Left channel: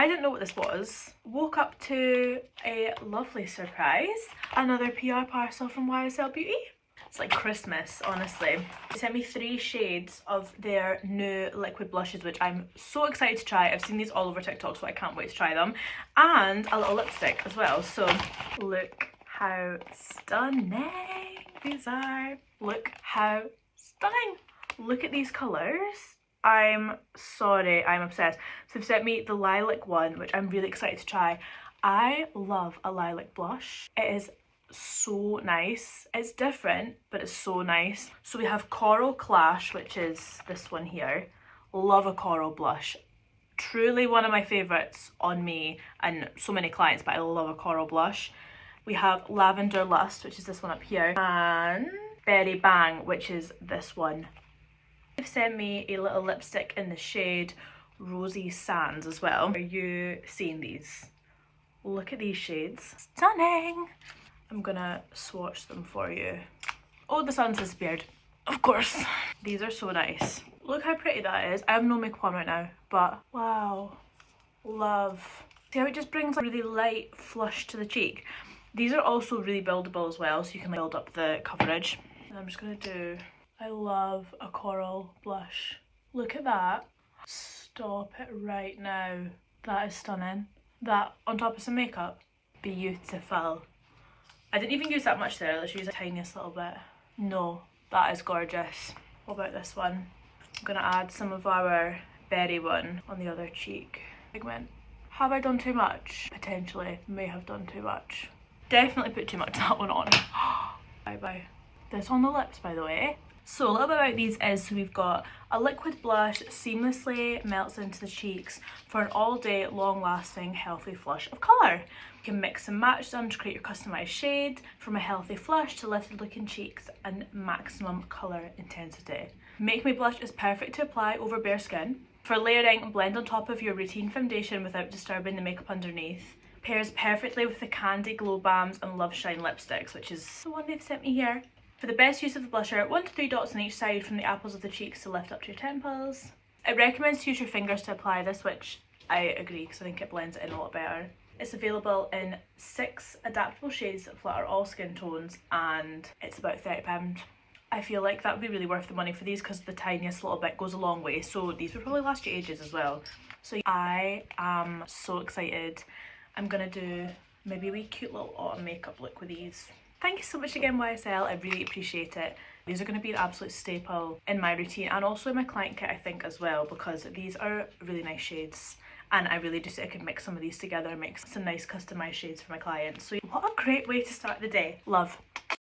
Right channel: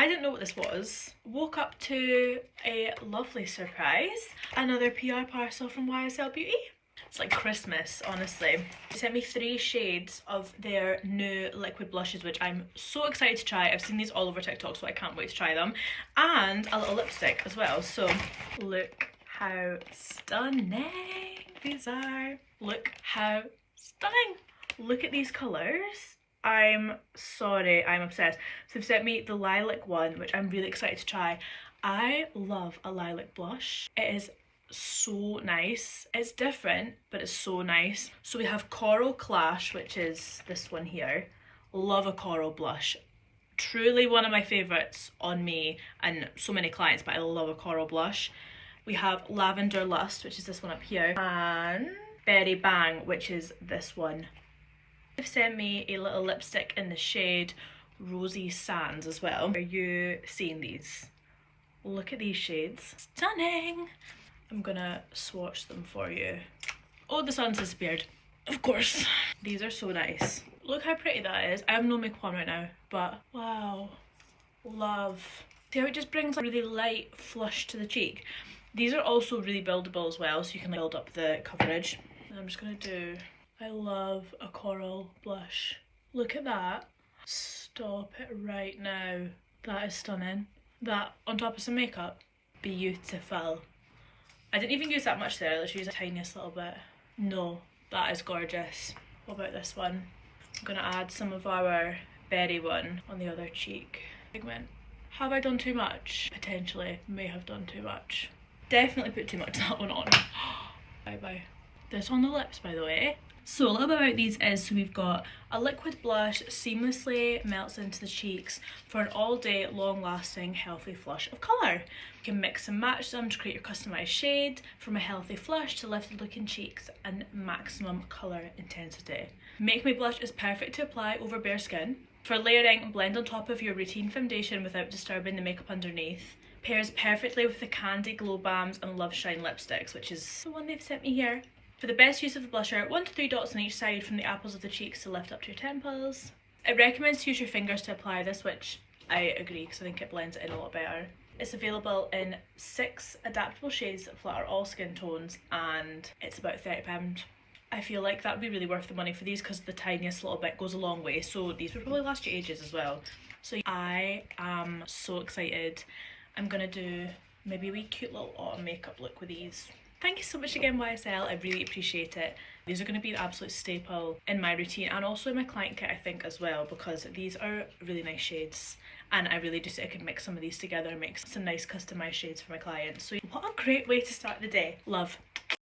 I didn't know what this was. Woke up to a lovely surprise. Another PR parcel from YSL Beauty. It's like Christmas, honestly. They sent me 3 shades of their new liquid blushes, which I'm so excited to try. I've seen these all over TikTok, so I can't wait to try them. And a little lipstick as well. So look how stunning these are. Look how stunning. Look at these colours. I'm sorry, I'm obsessed. So they've sent me the lilac one, which I'm really excited to try. I love a lilac blush. It is so nice. It's different, but it's so nice. So we have Coral Clash, which is this one here. Love a coral blush. Truly one of my favourites on me and so many clients, but I love a coral blush. We have Lavender Lust, which is this one up here, and Berry Bang, which is this one. They've sent me a little lipstick in the shade Rosy Sands as well. Are you seeing these? Look at these shades. Stunning! I'm gonna swatch them for you. Oh, the sun's disappeared. Of course. These are so nice. Look how pretty that is. I have no makeup on right now, but wow. Love. See how it just brings a really light flush to the cheek? These are also really buildable as well, so you can build up the coverage. And I'm just gonna do... I love a coral blush. Look at that. Stop it right now. That is stunning. That on top of some makeup. Beautiful. I didn't even use that much there. Let's use the tiniest little bit. No, that is gorgeous. What about this one? I'm gonna add some of our berry one on the other cheek. Pigment. Have I done too much? Potentially. May have done too much. Definitely put too much of that one on. Bye bye. This on the lips, by the way. So a little bit about these is we've got a liquid blush that seamlessly melts into the cheeks for an all day long lasting healthy flush of colour. You can mix and match them to create your customised shade, from a healthy flush to lifted looking cheeks and maximum colour intensity. Make Me Blush is perfect to apply over bare skin. For layering, blend on top of your routine foundation without disturbing the makeup underneath. Pairs perfectly with the Candy Glow Balms and Love Shine lipsticks, which is the one they've sent me here. For the best use of the blusher, 1 to 3 dots on each side from the apples of the cheeks to lift up to your temples. It recommends to use your fingers to apply this, which I agree because I think it blends it in a lot better. It's available in 6 adaptable shades that flatter all skin tones, and it's about £30. I feel like that would be really worth the money for these because the tiniest little bit goes a long way, so these would probably last you ages as well. So I am so excited. I'm gonna do maybe a wee cute little autumn makeup look with these. Thank you so much again, YSL. I really appreciate it. These are going to be an absolute staple in my routine and also in my client kit, I think, as well, because these are really nice shades. And I really do think I could mix some of these together and make some nice customized shades for my clients. So what a great way to start the day. Love.